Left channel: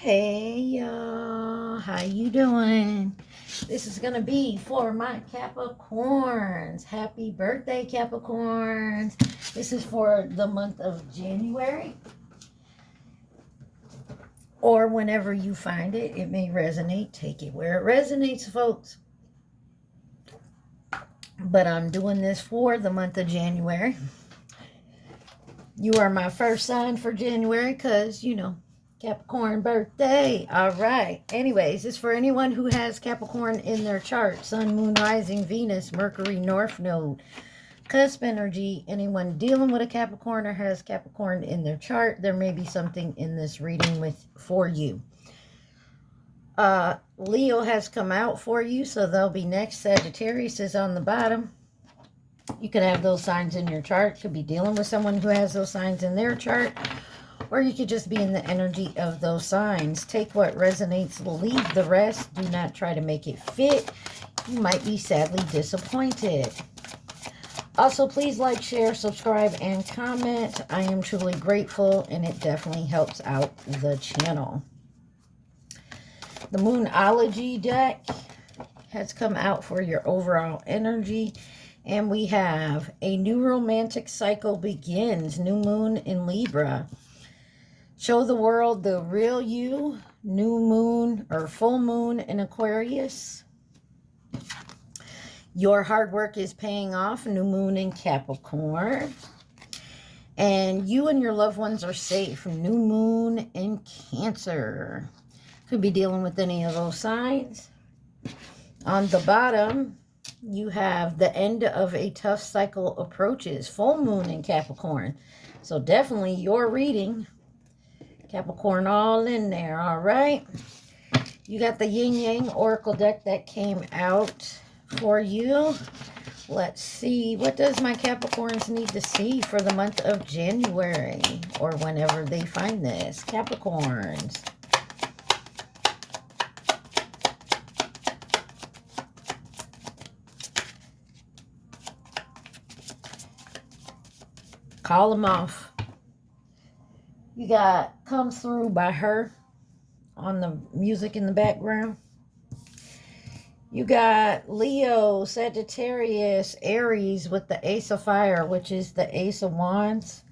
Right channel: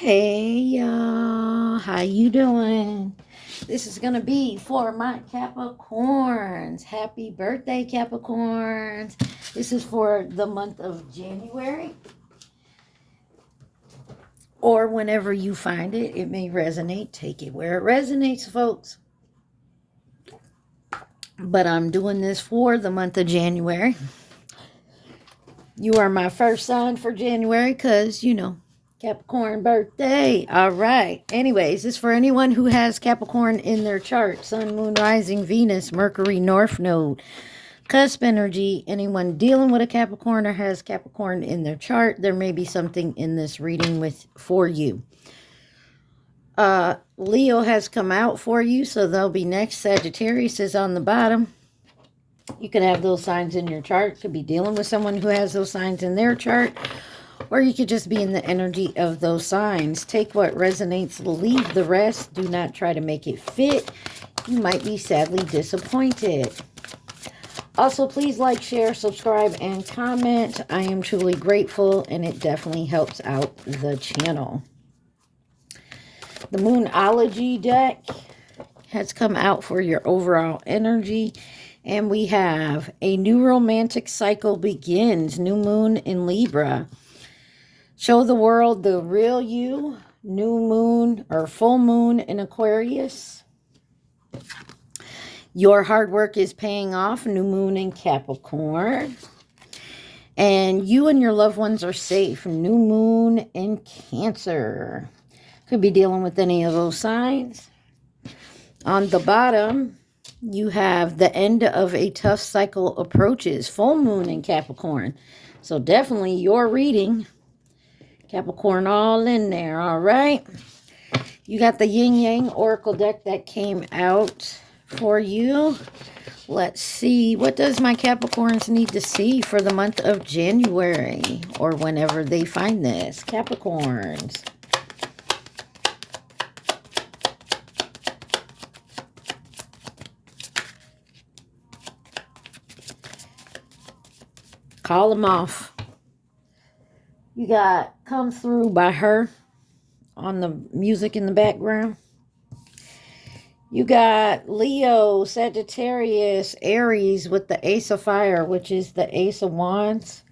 Hey y'all, how you doing? This is gonna be for my Capricorns. Happy birthday, Capricorns. This is for the month of January, or whenever you find it. It may resonate. Take it where it resonates, folks. But I'm doing this for the month of January. You are my first sign for January because, Capricorn birthday. All right. Anyways, it's for anyone who has Capricorn in their chart. Sun, Moon, Rising, Venus, Mercury, North Node, cusp energy. Anyone dealing with a Capricorn or has Capricorn in their chart, there may be something in this reading for you. Leo has come out for you, so they'll be next. Sagittarius is on the bottom. You could have those signs in your chart. Could be dealing with someone who has those signs in their chart. Or you could just be in the energy of those signs. Take what resonates, leave the rest. Do not try to make it fit. You might be sadly disappointed. Also, please like, share, subscribe, and comment. I am truly grateful, and it definitely helps out the channel. The Moonology deck has come out for your overall energy. And we have a new romantic cycle begins. New moon in Libra. Show the world the real you. New moon or full moon in Aquarius. Your hard work is paying off. New moon in Capricorn. And you and your loved ones are safe. New moon in Cancer. Could be dealing with any of those signs. On the bottom, you have the end of a tough cycle approaches. Full moon in Capricorn. So definitely your reading. Capricorn all in there, all right? You got the Yin Yang Oracle deck that came out for you. Let's see. What does my Capricorns need to see for the month of January? Or whenever they find this. Capricorns. Call them off. You got Come Through by Her on the music in the background. You got Leo, Sagittarius, Aries with the Ace of Fire, which is the Ace of Wands.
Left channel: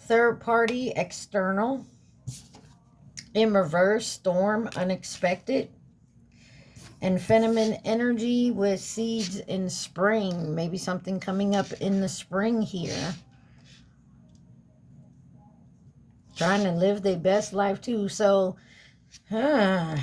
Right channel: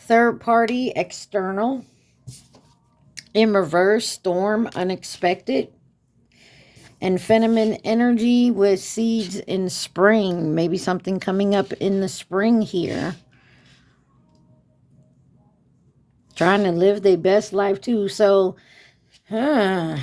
Third party, external. In reverse, Storm, unexpected. And feminine energy with seeds in spring. Maybe something coming up in the spring here. Trying to live their best life too. So, I'm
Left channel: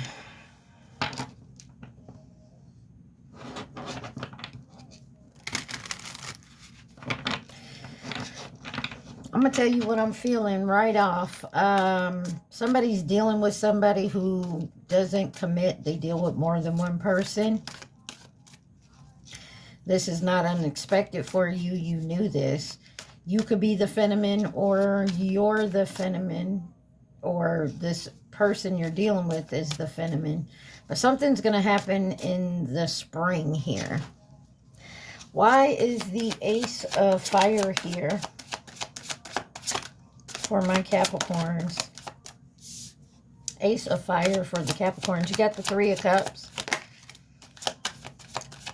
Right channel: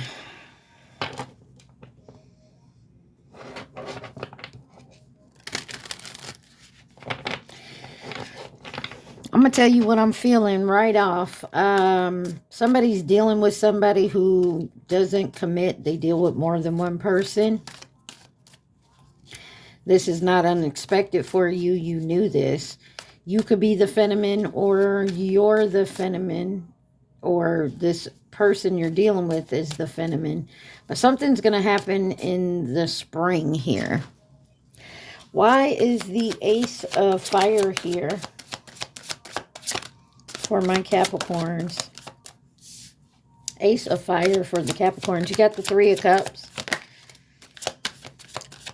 going to tell you what I'm feeling right off. Somebody's dealing with somebody who doesn't commit. They deal with more than one person. This is not unexpected for you. You knew this. You could be the phenomenon, or you're the phenomenon, or this person you're dealing with is the phenomenon. But something's going to happen in the spring here. Why is the Ace of Fire here for my Capricorns? Ace of Fire for the Capricorns. You got the Three of Cups,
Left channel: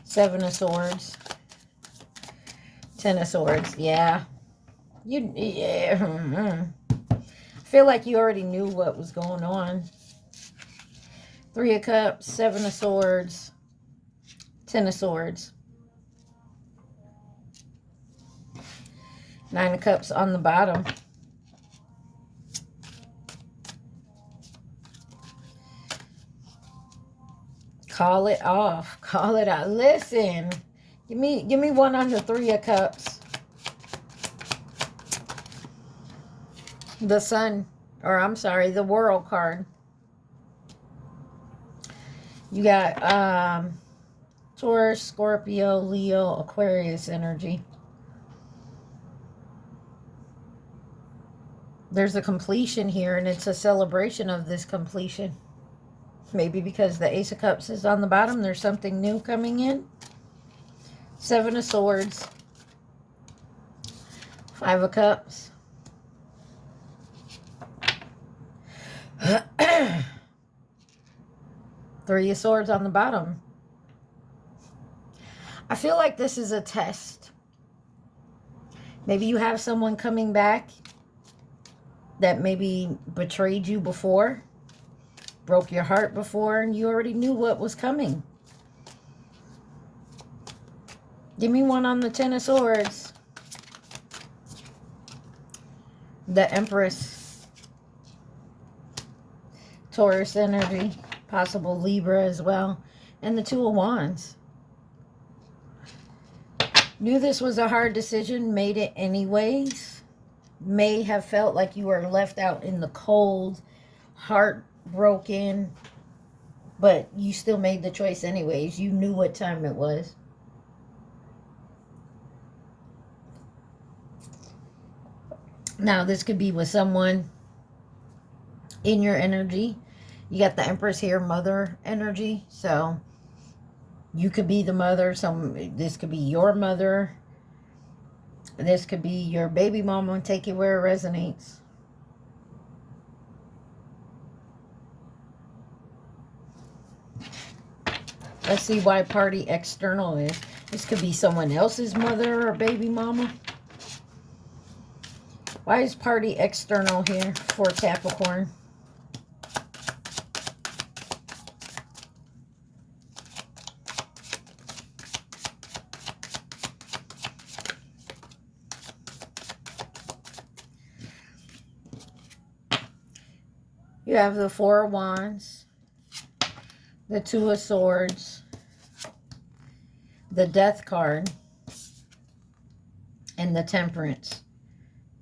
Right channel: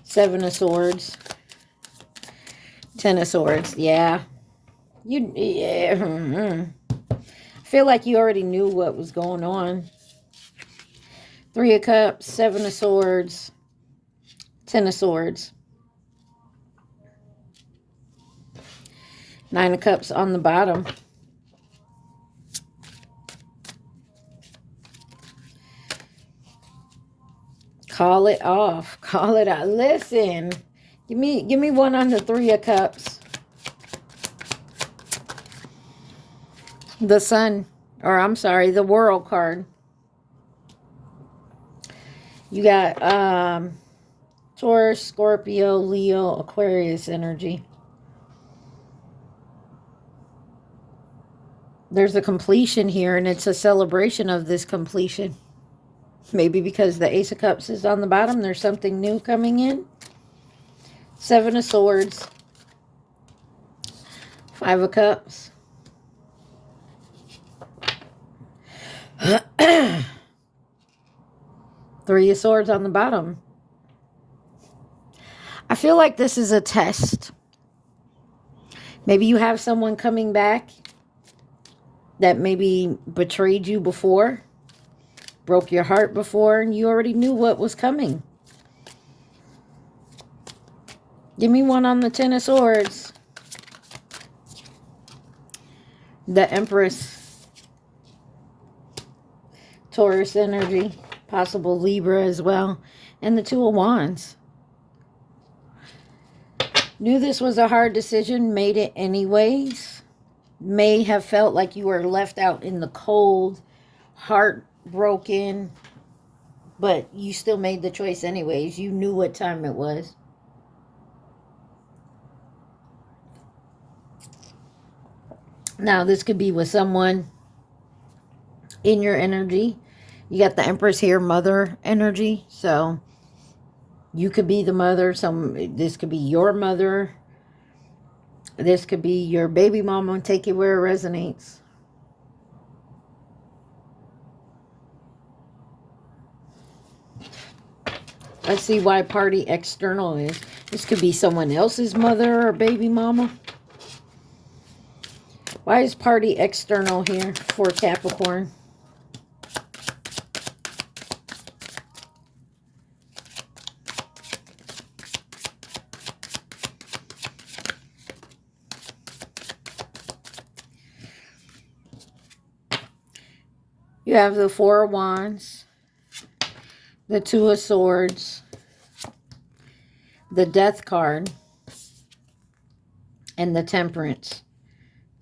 Seven of Swords, Ten of Swords. Yeah. I feel like you already knew what was going on. Three of Cups, Seven of Swords, Ten of Swords. Nine of Cups on the bottom. Call it off. Call it out. Listen. Give me one on the Three of Cups. The Sun, or I'm sorry, the World card. You got Taurus, Scorpio, Leo, Aquarius energy. There's a completion here, and it's a celebration of this completion. Maybe because the Ace of Cups is on the bottom, there's something new coming in. Seven of Swords. Five of Cups. Three of Swords on the bottom. I feel like this is a test. Maybe you have someone coming back that maybe betrayed you before, broke your heart before, and you already knew what was coming. Give me one on the Ten of Swords. The Empress. Taurus energy. Possible Libra as well. And the Two of Wands. Knew this was a hard decision. Made it anyways. May have felt like you were left out in the cold. Heartbroken. But you still made the choice anyways. You knew what time it was. Now, this could be with someone in your energy. You got the Empress here, mother energy. So, you could be the mother. This could be your mother. This could be your baby mama. Take it where it resonates. Let's see why party external is. This could be someone else's mother or baby mama. Why is party external here for Capricorn? You have the Four of Wands, the Two of Swords, the Death card, and the Temperance.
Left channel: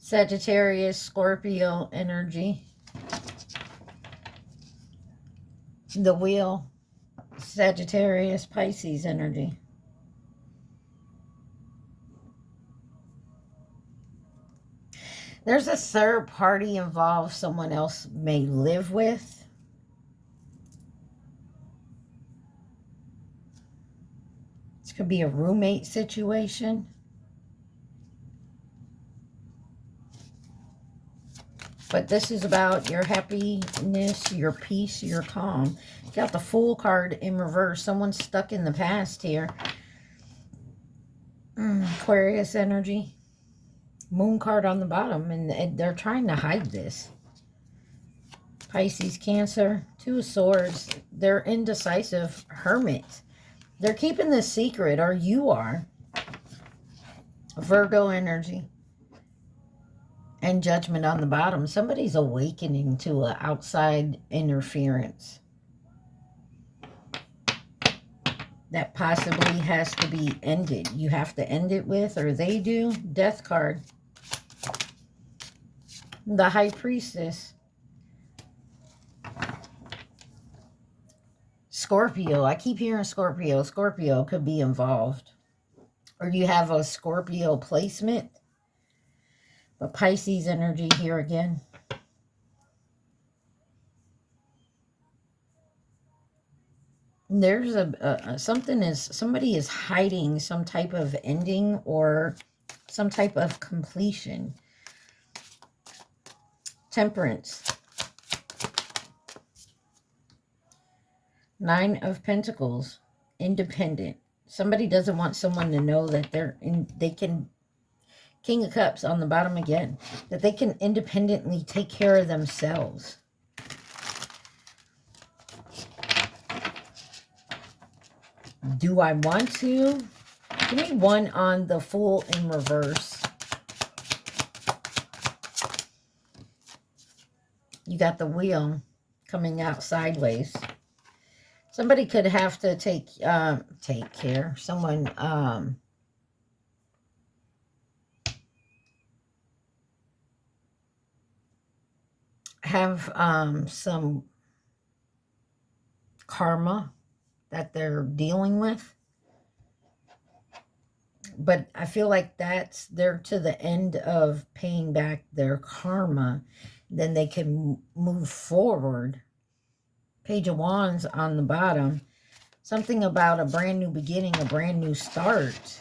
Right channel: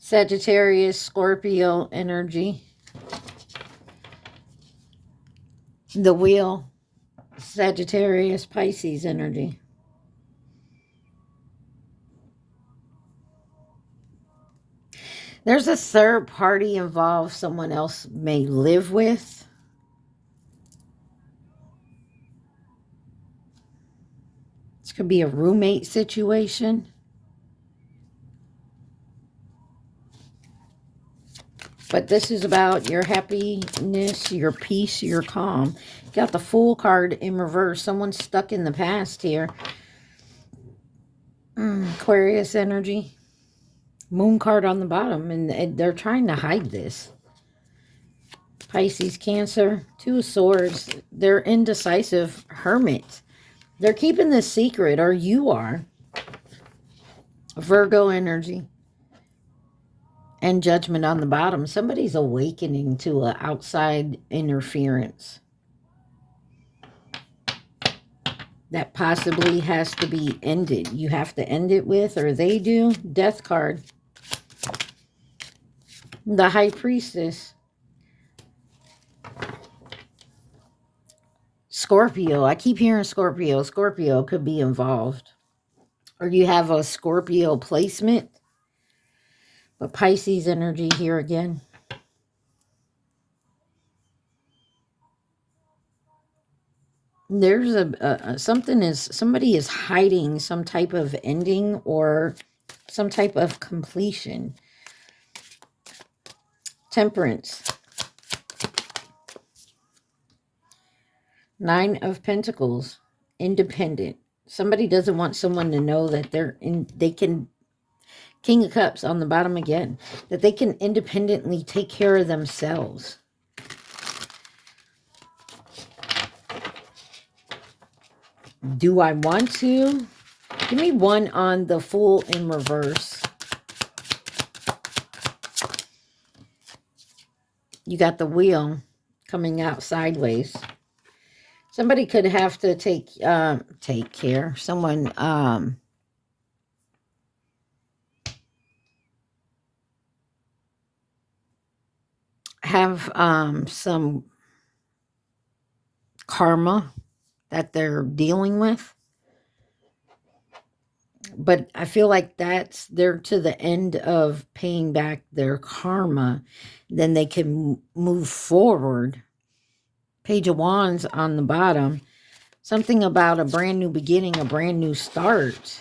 Sagittarius, Scorpio energy. The Wheel, Sagittarius, Pisces energy. There's a third party involved someone else may live with. This could be a roommate situation. But this is about your happiness, your peace, your calm. You got the Fool card in reverse. Someone's stuck in the past here. Aquarius energy. Moon card on the bottom. And they're trying to hide this. Pisces, Cancer. Two of Swords. They're indecisive. Hermit. They're keeping this secret, or you are. Virgo energy. And Judgment on the bottom. Somebody's awakening to an outside interference. That possibly has to be ended. You have to end it with, or they do. Death card. The High Priestess. Scorpio. I keep hearing Scorpio. Scorpio could be involved. Or you have a Scorpio placement. But Pisces energy here again. There's somebody is hiding some type of ending or some type of completion. Temperance. Nine of Pentacles. Independent. Somebody doesn't want someone to know that they can. King of Cups on the bottom again. That they can independently take care of themselves. Do I want to? Give me one on the Fool in reverse. You got the Wheel coming out sideways. Somebody could have to take care. Someone have some karma that they're dealing with. But I feel like they're to the end of paying back their karma. Then they can move forward. Page of Wands on the bottom. Something about a brand new beginning, a brand new start.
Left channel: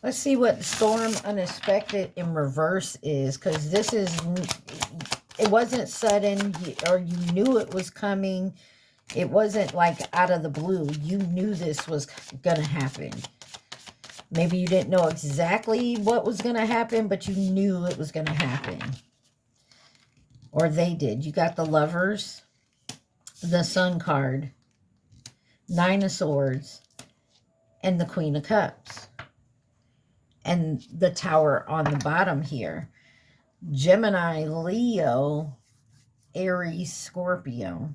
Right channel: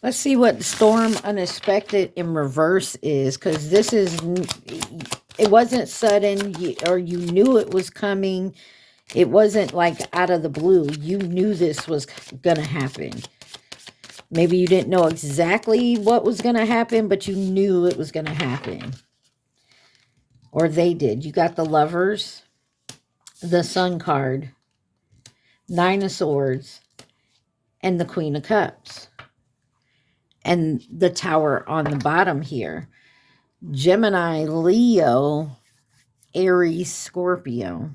Let's see what storm unexpected in reverse is, because this is, it wasn't sudden, or you knew it was coming. It wasn't like out of the blue. You knew this was going to happen. Maybe you didn't know exactly what was going to happen, but you knew it was going to happen. Or they did. You got the Lovers, the Sun card, Nine of Swords, and the Queen of Cups. And the Tower on the bottom here. Gemini, Leo, Aries, Scorpio.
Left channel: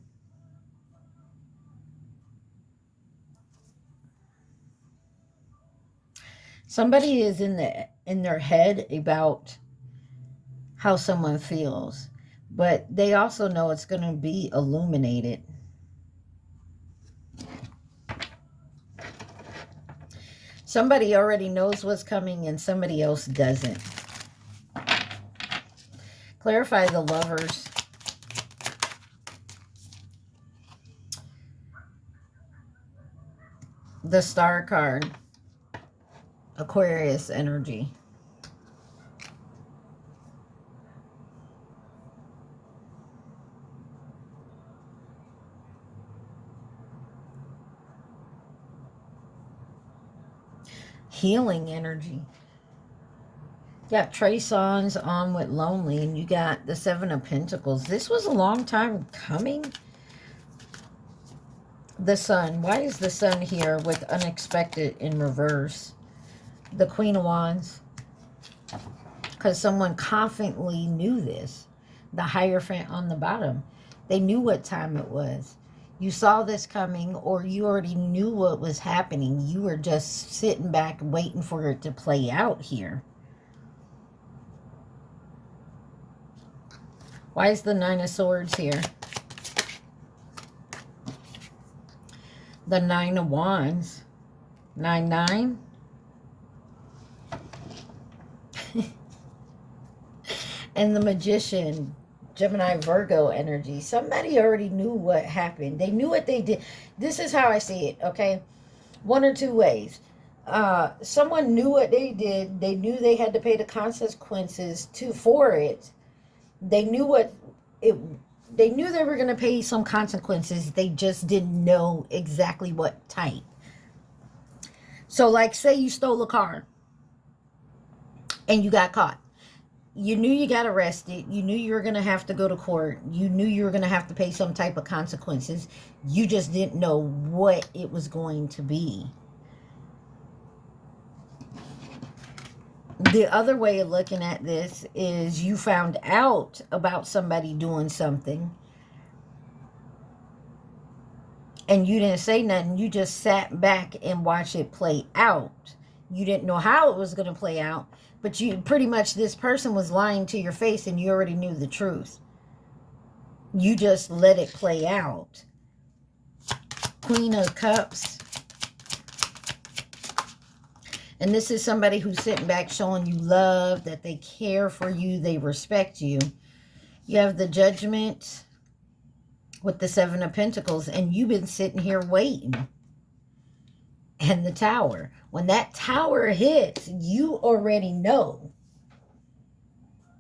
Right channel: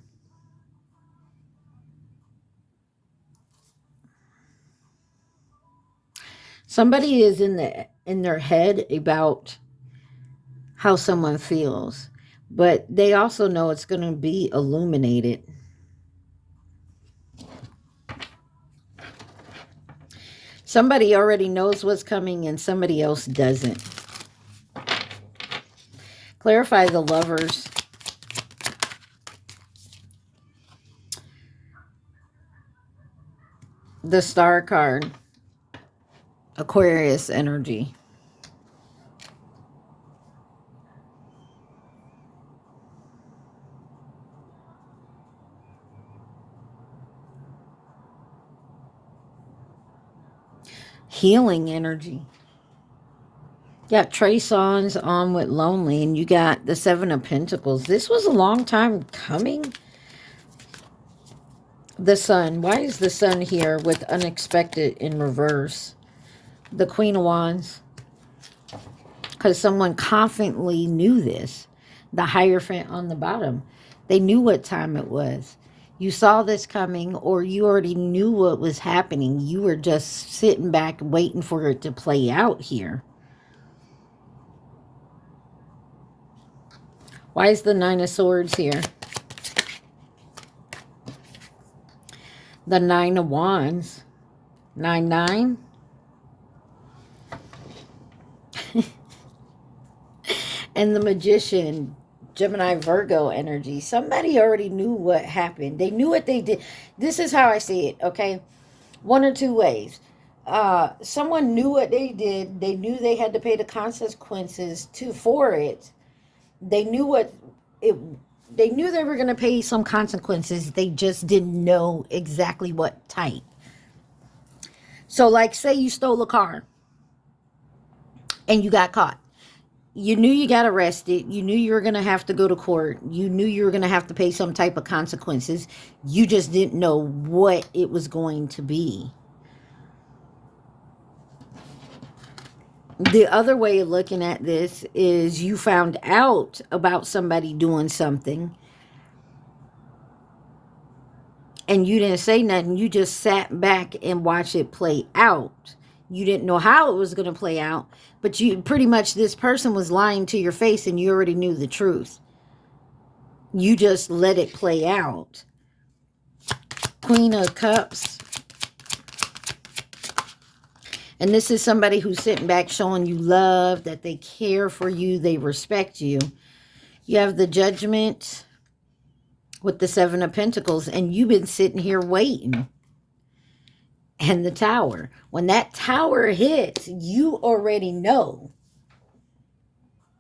Somebody is in their head about how someone feels, but they also know it's going to be illuminated. Somebody already knows what's coming and somebody else doesn't. Clarify the Lovers. The Star card. Aquarius energy. Healing energy. You got Trey Songz on with Lonely, and you got the Seven of Pentacles. This was a long time coming. The Sun. Why is the Sun here with unexpected in reverse? The Queen of Wands. Because someone confidently knew this. The Hierophant on the bottom. They knew what time it was. You saw this coming, or you already knew what was happening. You were just sitting back waiting for it to play out here. Why is the Nine of Swords here? The Nine of Wands. 9-9. And the Magician. Gemini, Virgo energy. Somebody already knew what happened. They knew what they did. This is how I see it, okay? One or two ways. Someone knew what they did. They knew they had to pay the consequences for it. They knew they knew they were going to pay some consequences. They just didn't know exactly what type. So, like, say you stole a car and you got caught. You knew you got arrested. You knew you were going to have to go to court. You knew you were going to have to pay some type of consequences. You just didn't know what it was going to be. The other way of looking at this is you found out about somebody doing something and you didn't say nothing. You just sat back and watched it play out. You didn't know how it was going to play out, but you pretty much, this person was lying to your face and you already knew the truth. You just let it play out. Queen of Cups. And this is somebody who's sitting back showing you love, that they care for you, they respect you. You have the Judgment with the Seven of Pentacles, and you've been sitting here waiting. And the Tower. When that Tower hits, you already know.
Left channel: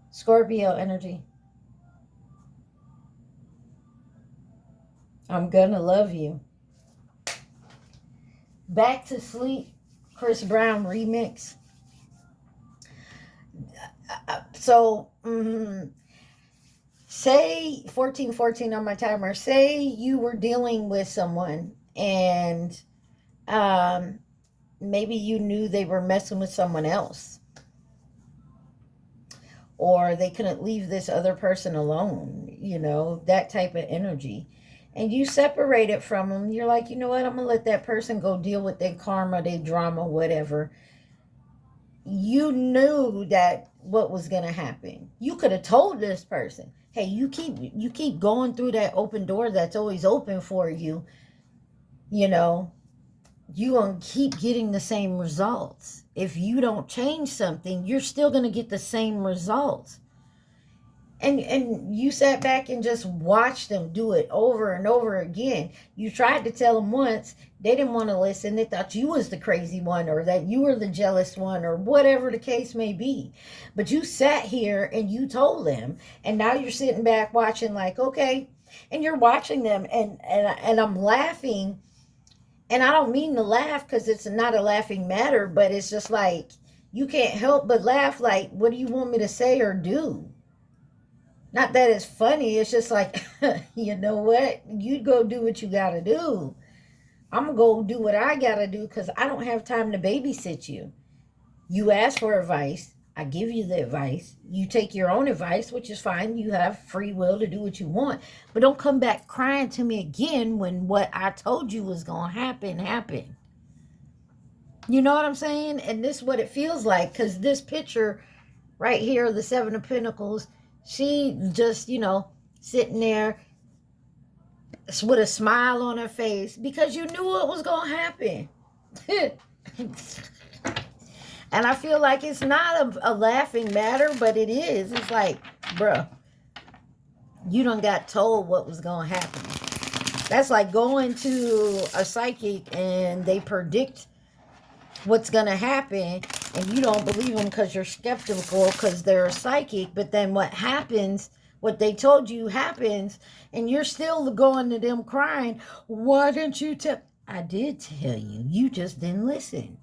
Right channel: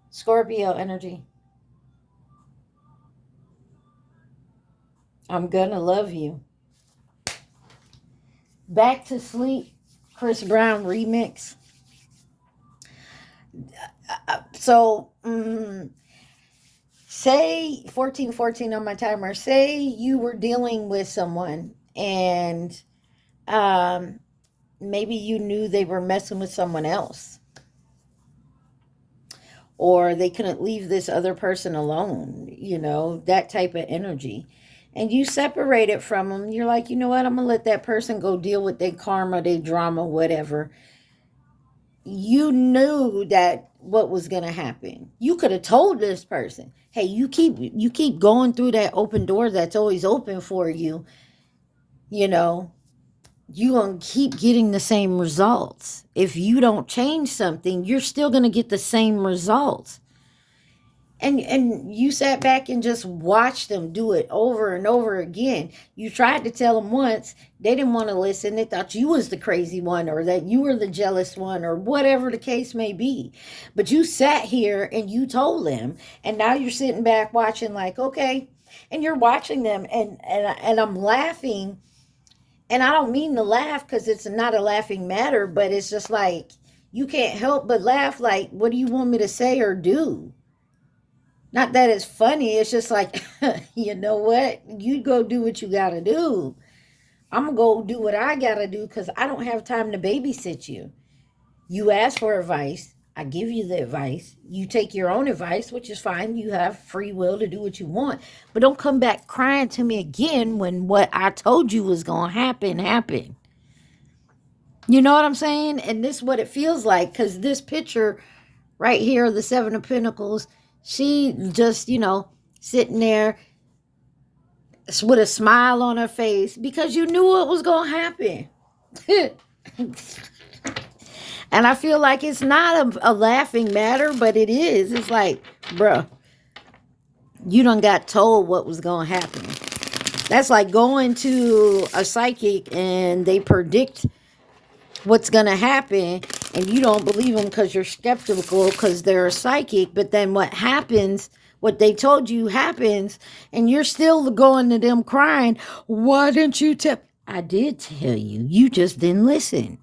Scorpio energy. I'm gonna love you. Back to Sleep. Chris Brown remix. So, say 1414 on my timer. Say you were dealing with someone and maybe you knew they were messing with someone else, or they couldn't leave this other person alone, you know, that type of energy. And you separated from them. You're like, you know what? I'm going to let that person go deal with their karma, their drama, whatever. You knew that what was going to happen. You could have told this person, hey, you keep going through that open door that's always open for you. You know, you're going to keep getting the same results. If you don't change something, you're still going to get the same results. And you sat back and just watched them do it over and over again. You tried to tell them once, they didn't want to listen. They thought you was the crazy one, or that you were the jealous one, or whatever the case may be. But you sat here and you told them, and now you're sitting back watching like, okay, and you're watching them, and I'm laughing, and I don't mean to laugh because it's not a laughing matter, but it's just like, you can't help but laugh. Like, what do you want me to say or do? Not that it's funny. It's just like, you know what? You go do what you got to do. I'm going to go do what I got to do because I don't have time to babysit you. You ask for advice. I give you the advice. You take your own advice, which is fine. You have free will to do what you want. But don't come back crying to me again when what I told you was going to happen, happened. You know what I'm saying? And this is what it feels like, because this picture right here, the Seven of Pentacles, she just, you know, sitting there with a smile on her face because you knew it was going to happen. And I feel like it's not a laughing matter, but it is. It's like, bro, you done got told what was going to happen. That's like going to a psychic and they predict what's going to happen, and you don't believe them because you're skeptical because they're a psychic. But then what happens, what they told you happens, and you're still going to them crying, why didn't you tell? I did tell you. You just didn't listen.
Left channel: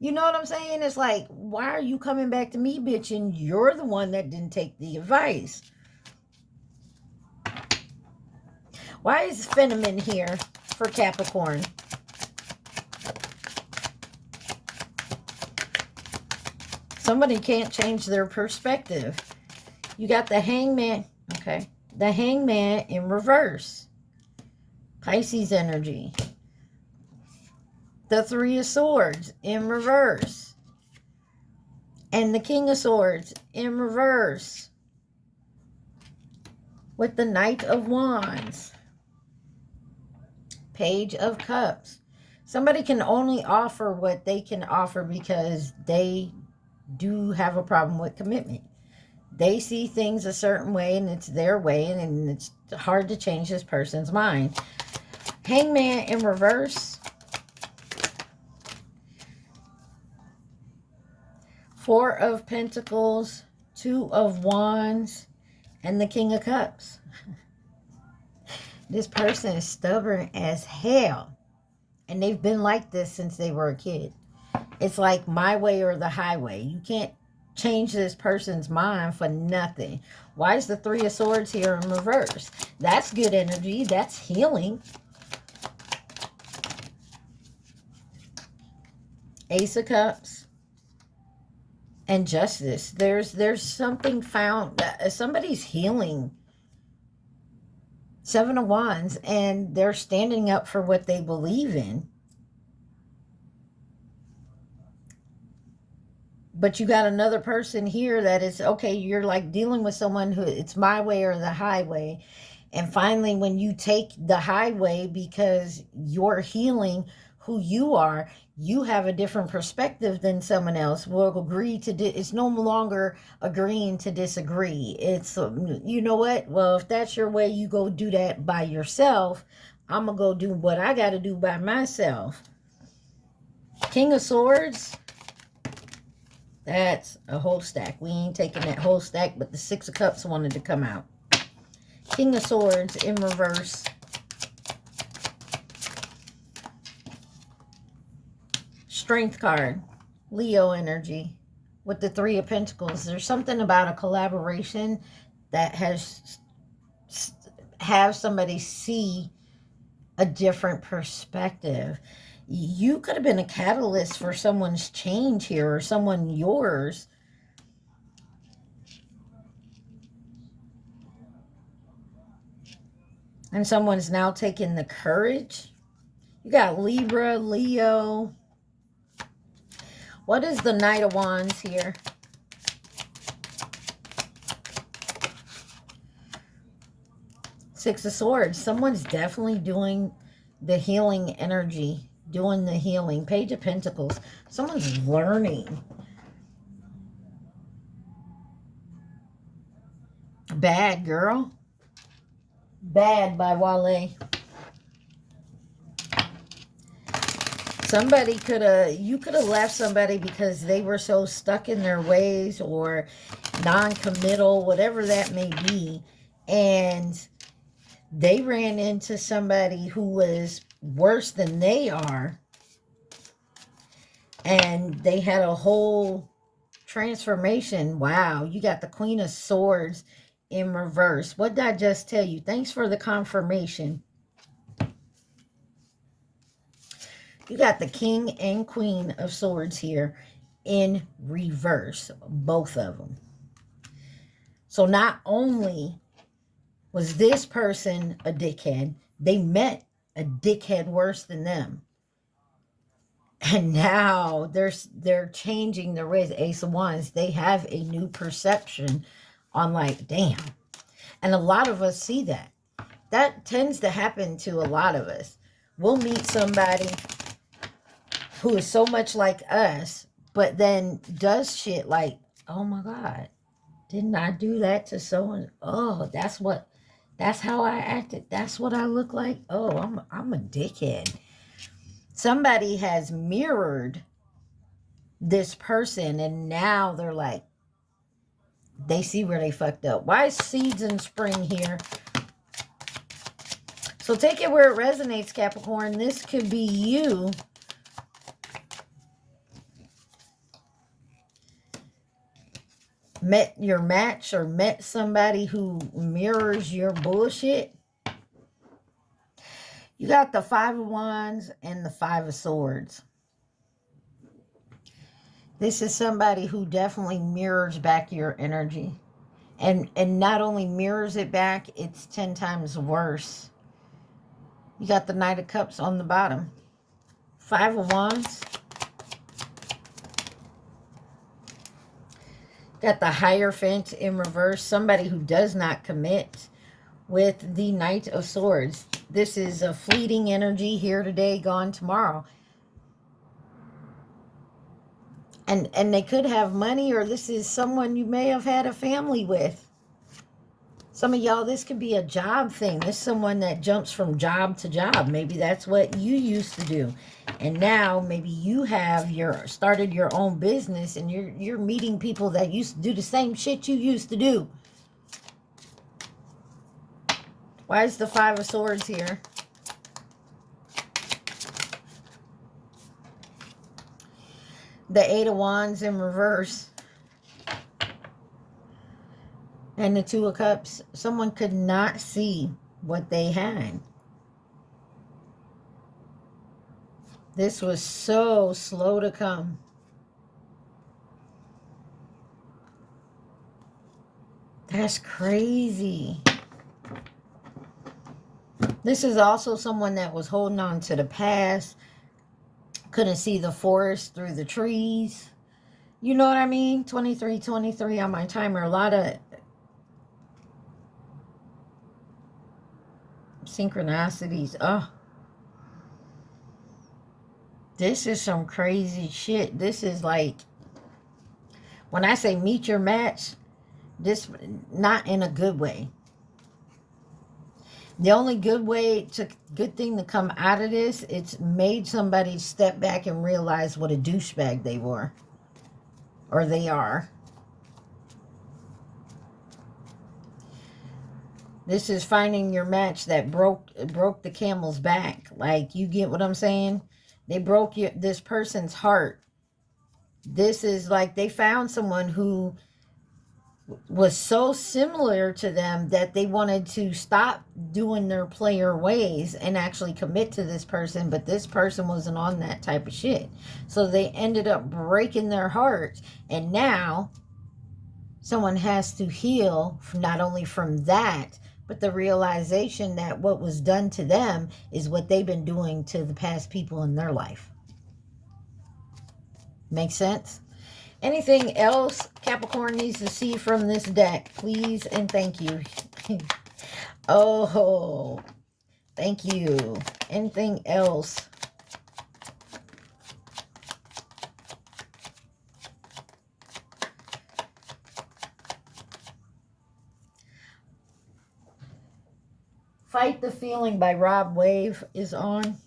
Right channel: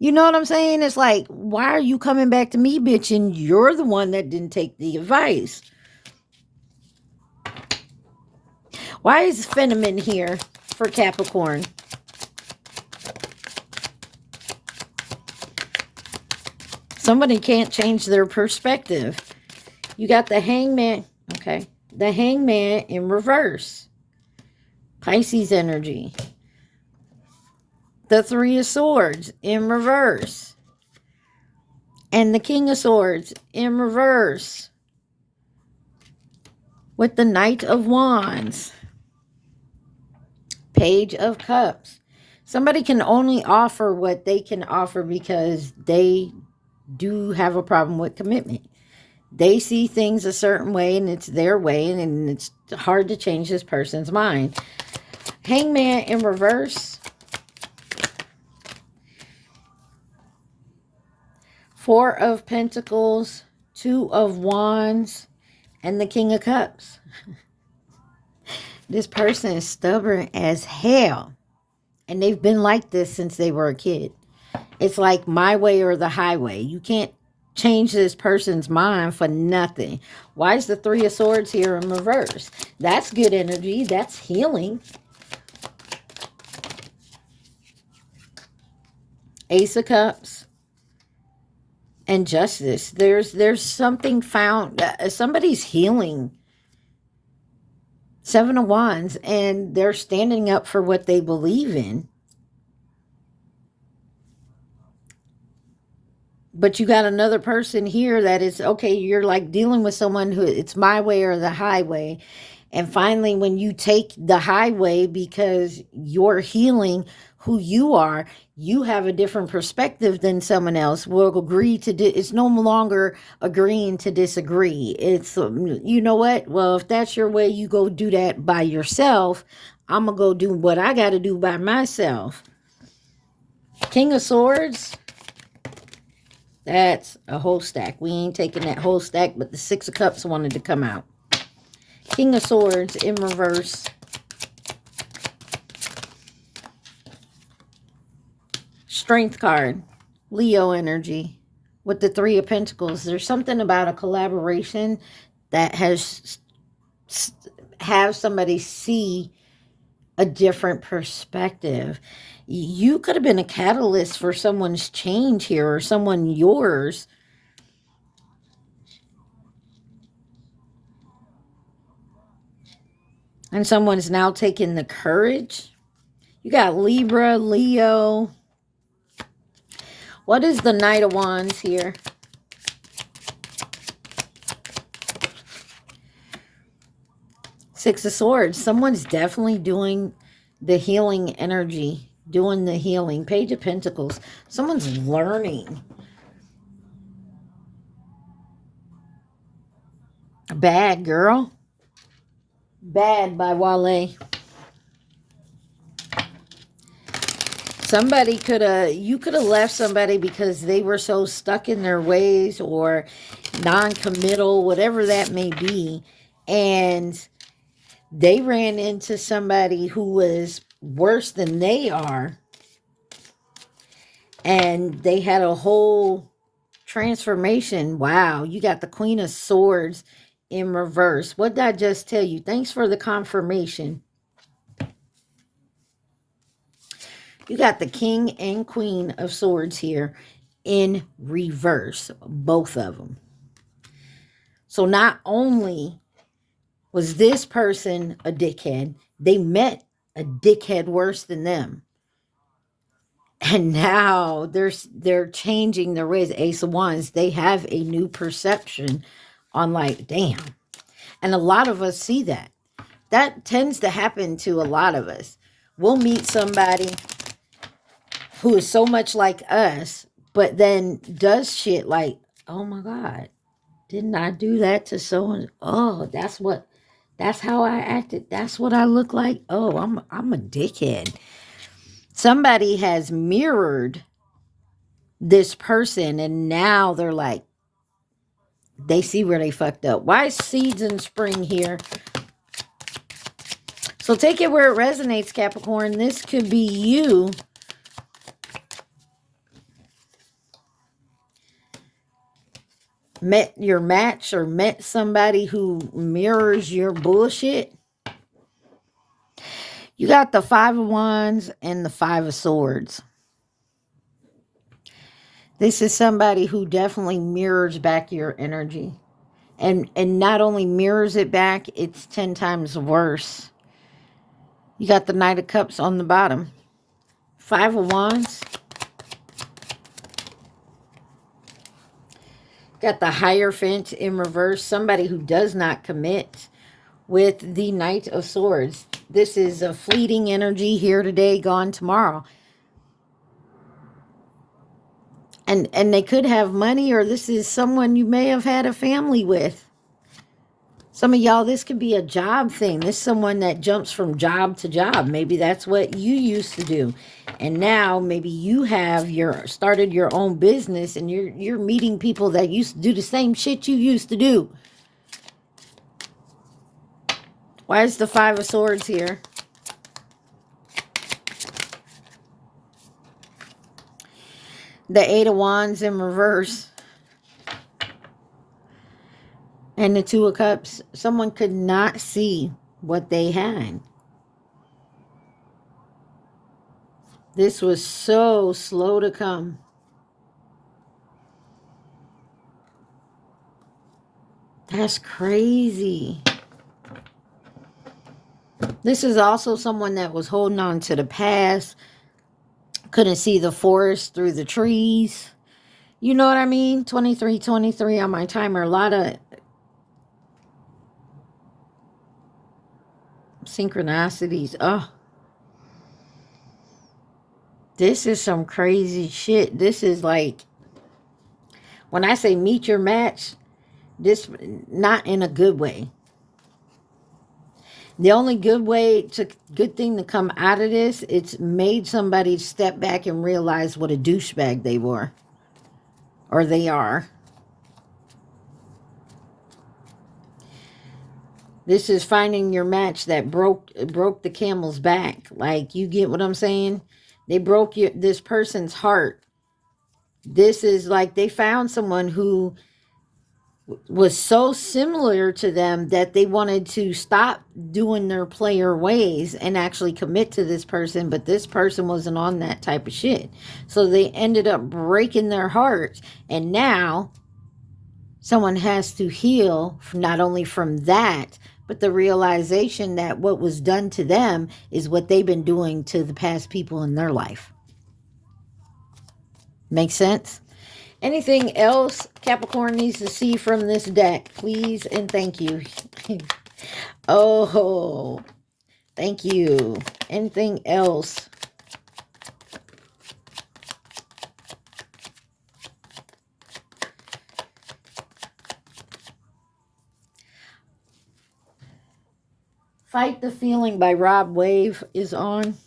You know what I'm saying? It's like, why are you coming back to me, bitch, and you're the one that didn't take the advice? Why is Phenomenon here for Capricorn? Somebody can't change their perspective. You got the Hangman. Okay. The Hangman in reverse. Pisces energy. The Three of Swords in reverse. And the King of Swords in reverse. With the Knight of Wands. Page of Cups. Somebody can only offer what they can offer because they do have a problem with commitment. They see things a certain way and it's their way, and it's hard to change this person's mind. Hangman in reverse. Four of Pentacles, Two of Wands, and the King of Cups. This person is stubborn as hell, and they've been like this since they were a kid. It's like my way or the highway. You can't change this person's mind for nothing. Why is the Three of Swords here in reverse? That's good energy. That's healing. Ace of Cups and Justice. There's something found. Somebody's healing. Seven of Wands, and they're standing up for what they believe in. But you got another person here that is, okay, you're like dealing with someone who it's my way or the highway. And finally, when you take the highway because you're healing who you are, you have a different perspective than someone else. Will agree to it's no longer agreeing to disagree. It's, you know what? Well, if that's your way, you go do that by yourself. I'm going to go do what I got to do by myself. King of Swords. That's a whole stack. We ain't taking that whole stack, but the Six of Cups wanted to come out. King of Swords in reverse. Strength card. Leo energy. With the Three of Pentacles. There's something about a collaboration that have somebody see a different perspective. You could have been a catalyst for someone's change here, or someone yours. And someone's now taking the courage. You got Libra, Leo. What is the Knight of Wands here? Six of Swords. Someone's definitely doing the healing energy. Doing the healing. Page of Pentacles. Someone's learning. Bad Girl. Bad by Wale. Somebody could have, you could have left somebody because they were so stuck in their ways or non-committal, whatever that may be. And they ran into somebody who was worse than they are. And they had a whole transformation. Wow, you got the Queen of Swords in reverse. What did I just tell you? Thanks for the confirmation. You got the King and Queen of Swords here in reverse, both of them. So not only was this person a dickhead, they met a dickhead worse than them. And now they're changing their ways. Ace of Wands, they have a new perception on like, damn. And a lot of us see that. That tends to happen to a lot of us. We'll meet somebody who is so much like us, but then does shit like, oh my God, didn't I do that to someone? Oh, that's how I acted. That's what I look like. Oh, I'm a dickhead. Somebody has mirrored this person and now they're like, they see where they fucked up. Why is Seeds in Spring here? So take it where it resonates, Capricorn. This could be you met your match or met somebody who mirrors your bullshit. You got the Five of Wands and the Five of Swords. This is somebody who definitely mirrors back your energy. And not only mirrors it back, it's 10 times worse. You got the Knight of Cups on the bottom. Five of Wands. Got the Hierophant in reverse. Somebody who does not commit with the Knight of Swords. This is a fleeting energy, here today, gone tomorrow. And they could have money, or this is someone you may have had a family with. Some of y'all, this could be a job thing. This is someone that jumps from job to job. Maybe that's what you used to do. And now maybe you have started your own business and you're meeting people that used to do the same shit you used to do. Why is the Five of Swords here? The Eight of Wands in reverse. And the Two of Cups. Someone could not see what they had. This was so slow to come. That's crazy. This is also someone that was holding on to the past. Couldn't see the forest through the trees. You know what I mean? 23 on my timer. A lot of synchronicities. Oh. This is some crazy shit. This is like, when I say meet your match, this not in a good way. The only good thing to come out of this, it's made somebody step back and realize what a douchebag they were. Or they are. This is finding your match that broke the camel's back. Like, you get what I'm saying? They broke this person's heart. This is like they found someone who was so similar to them that they wanted to stop doing their player ways and actually commit to this person, but this person wasn't on that type of shit. So they ended up breaking their hearts, and now someone has to heal not only from that, but the realization that what was done to them is what they've been doing to the past people in their life. Make sense? Anything else Capricorn needs to see from this deck, please and thank you. Oh, thank you. Anything else? Fight the Feeling by Rob Wave is on.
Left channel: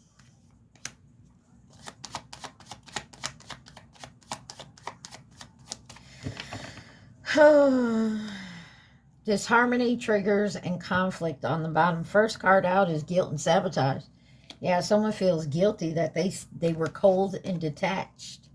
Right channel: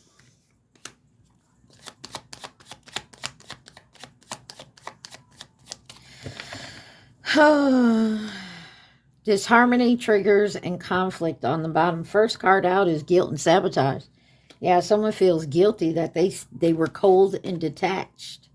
Disharmony, triggers, and conflict on the bottom. First card out is guilt and sabotage. Yeah, someone feels guilty that they were cold and detached.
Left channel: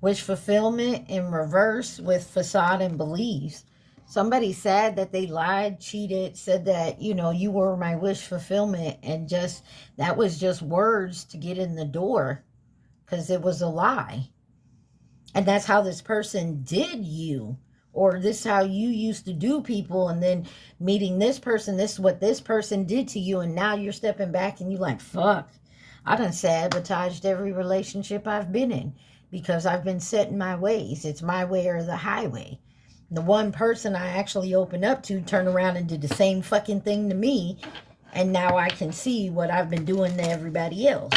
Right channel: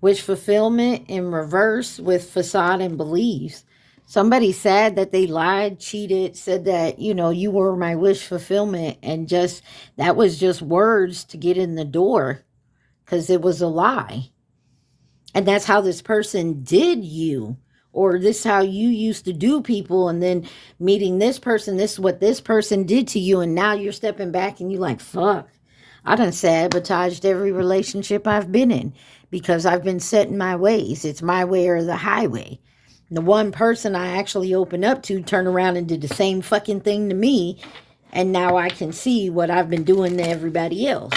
Wish fulfillment in reverse with facade and beliefs. Somebody said that they lied, cheated, said that, you know, you were my wish fulfillment, and just that was just words to get in the door because it was a lie. And that's how this person did you, or this is how you used to do people, and then meeting this person, this is what this person did to you, and now you're stepping back and you're like, fuck, I done sabotaged every relationship I've been in because I've been set in my ways. It's my way or the highway. The one person I actually opened up to turned around and did the same fucking thing to me, and now I can see what I've been doing to everybody else.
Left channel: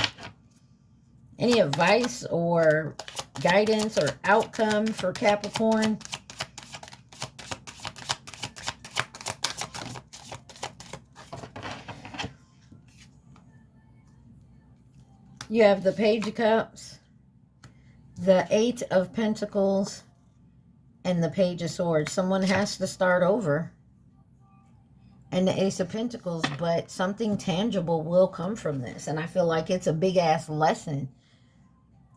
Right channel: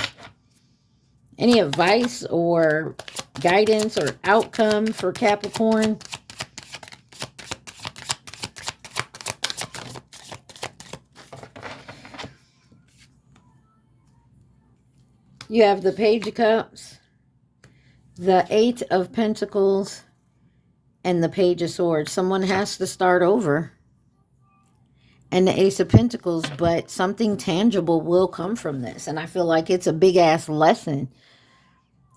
Any advice or guidance or outcome for Capricorn? You have the Page of Cups, the Eight of Pentacles, and the Page of Swords. Someone has to start over. And the Ace of Pentacles, but something tangible will come from this. And I feel like it's a big-ass lesson.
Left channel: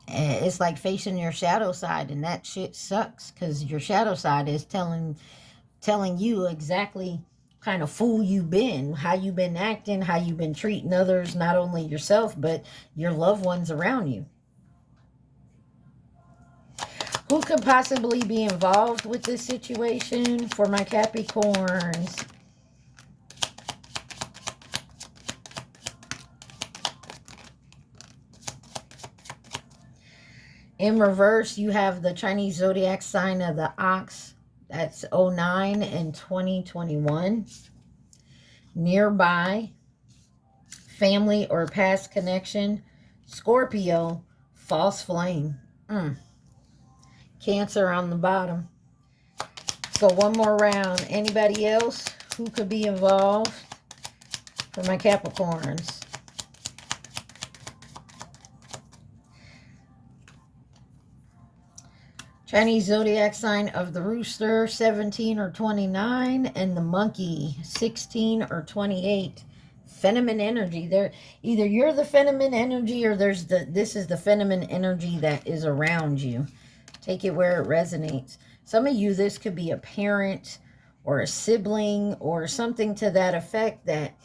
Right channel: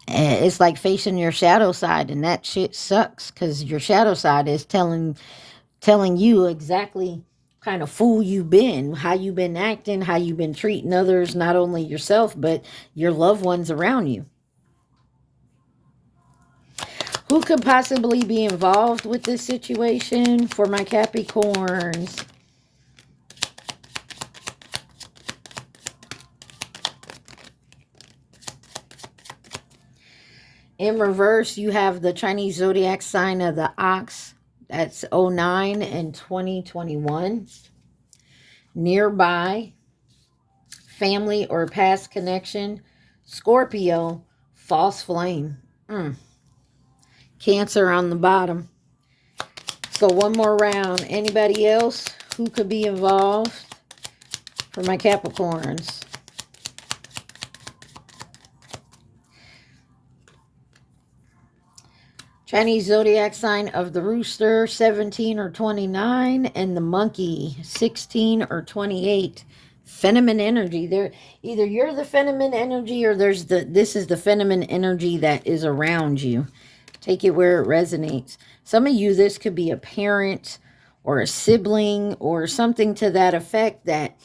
It's like facing your shadow side, and that shit sucks because your shadow side is telling you exactly kind of fool you've been, how you've been acting, how you've been treating others, not only yourself, but your loved ones around you. Who could possibly be involved with this situation for my Capricorns? In reverse, you have the Chinese zodiac sign of the Ox. That's 09 and 2021. Nearby, family or past connection. Scorpio, false flame. Cancer on the bottom. So one more round. Anybody else who could be involved for my Capricorns? Chinese zodiac sign of the Rooster, 17 or 29, and the Monkey, 16 or 28. Feminine energy. There, either you're the feminine energy, or this is the feminine energy that is around you. Take it where it resonates. Some of you, this could be a parent or a sibling or something to that effect, that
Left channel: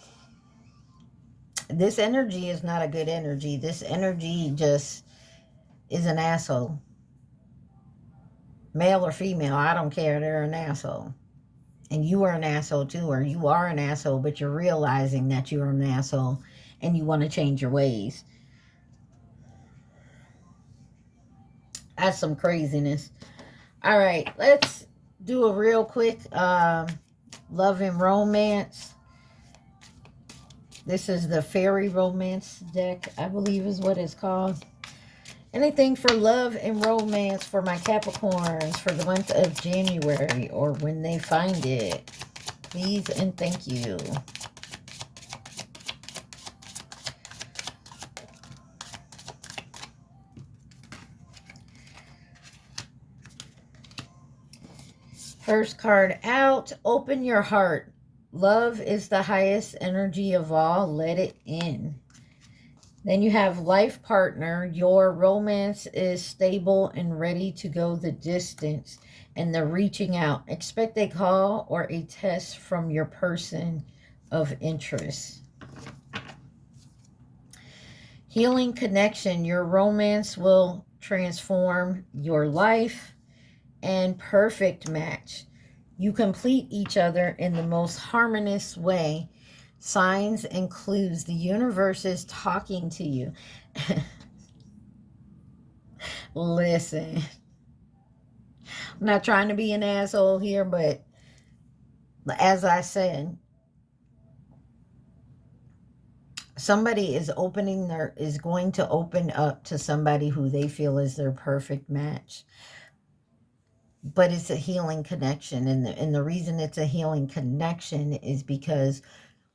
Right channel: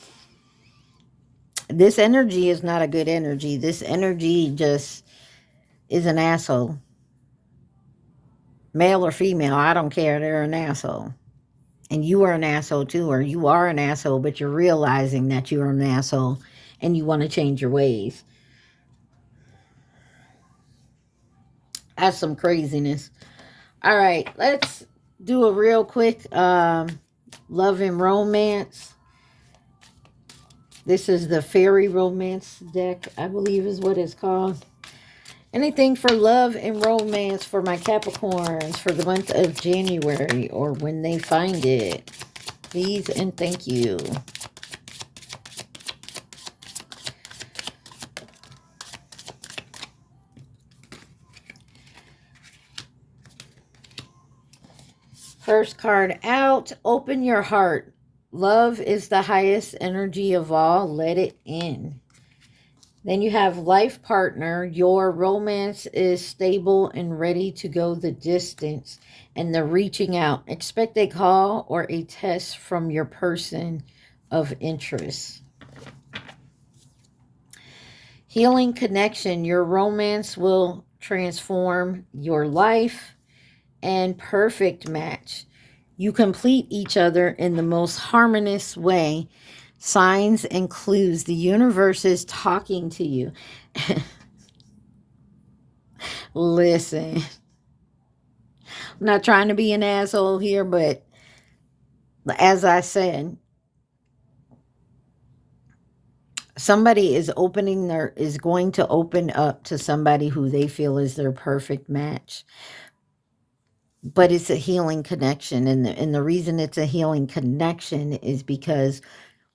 this energy is not a good energy. This energy just is an asshole. Male or female, I don't care. They're an asshole. And you are an asshole too, or you are an asshole, but you're realizing that you're an asshole and you want to change your ways. That's some craziness. All right, let's do a real quick love and romance. This is the Fairy Romance deck, I believe is what it's called. Anything for love and romance for my Capricorns for the month of January, or when they find it. Please and thank you. First card out, open your heart. Love is the highest energy of all. Let it in. Then you have life partner. Your romance is stable and ready to go the distance. And they're reaching out. Expect a call or a test from your person of interest. Healing connection. Your romance will transform your life. And perfect match. You complete each other in the most harmonious way. Signs and clues. The universe is talking to you. Listen. I'm not trying to be an asshole here, but as I said, somebody is going to open up to somebody who they feel is their perfect match. but it's a healing connection. And the reason it's a healing connection is because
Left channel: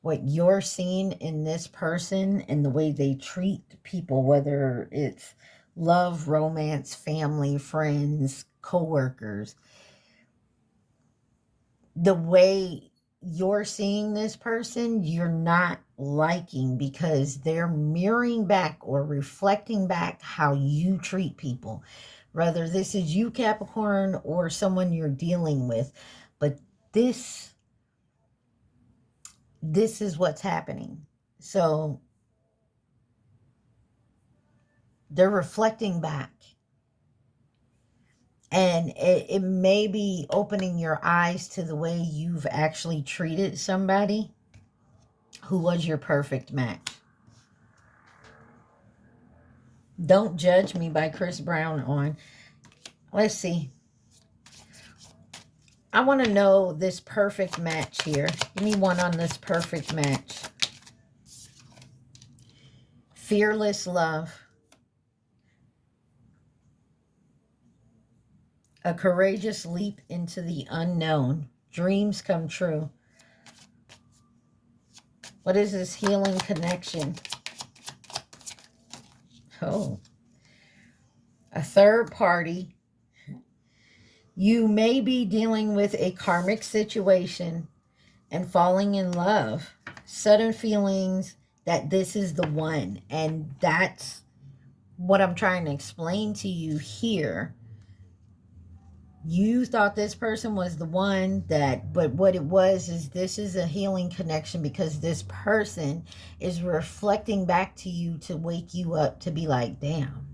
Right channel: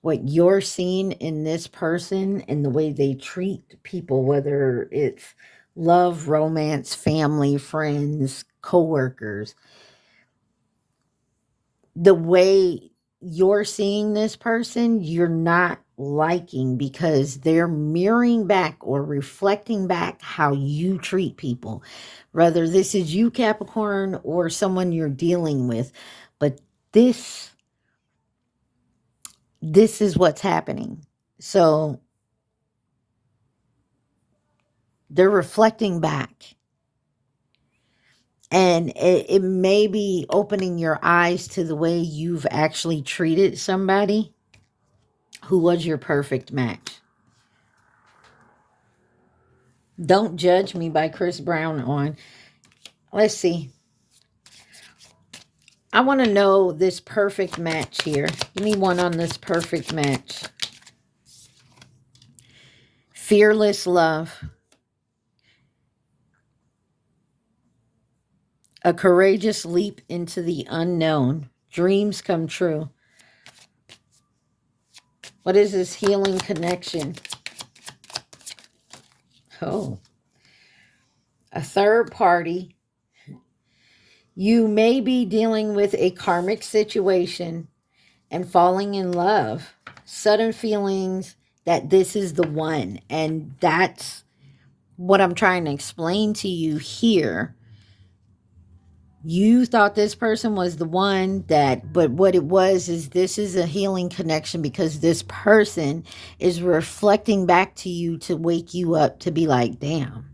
what you're seeing in this person and the way they treat people, whether it's love, romance, family, friends, coworkers, the way you're seeing this person, you're not liking because they're mirroring back or reflecting back how you treat people. Whether this is you, Capricorn, or someone you're dealing with. But this is what's happening. So they're reflecting back. And it may be opening your eyes to the way you've actually treated somebody who was your perfect match. Don't Judge Me by Chris Brown on. Let's see. I want to know this perfect match here. Give me one on this perfect match. Fearless love. A courageous leap into the unknown. Dreams come true. What is this healing connection? Oh. A third party. You may be dealing with a karmic situation and falling in love. Sudden feelings that this is the one. And that's what I'm trying to explain to you here. You thought this person was the one but what it was is this is a healing connection because this person is reflecting back to you to wake you up to be like, damn.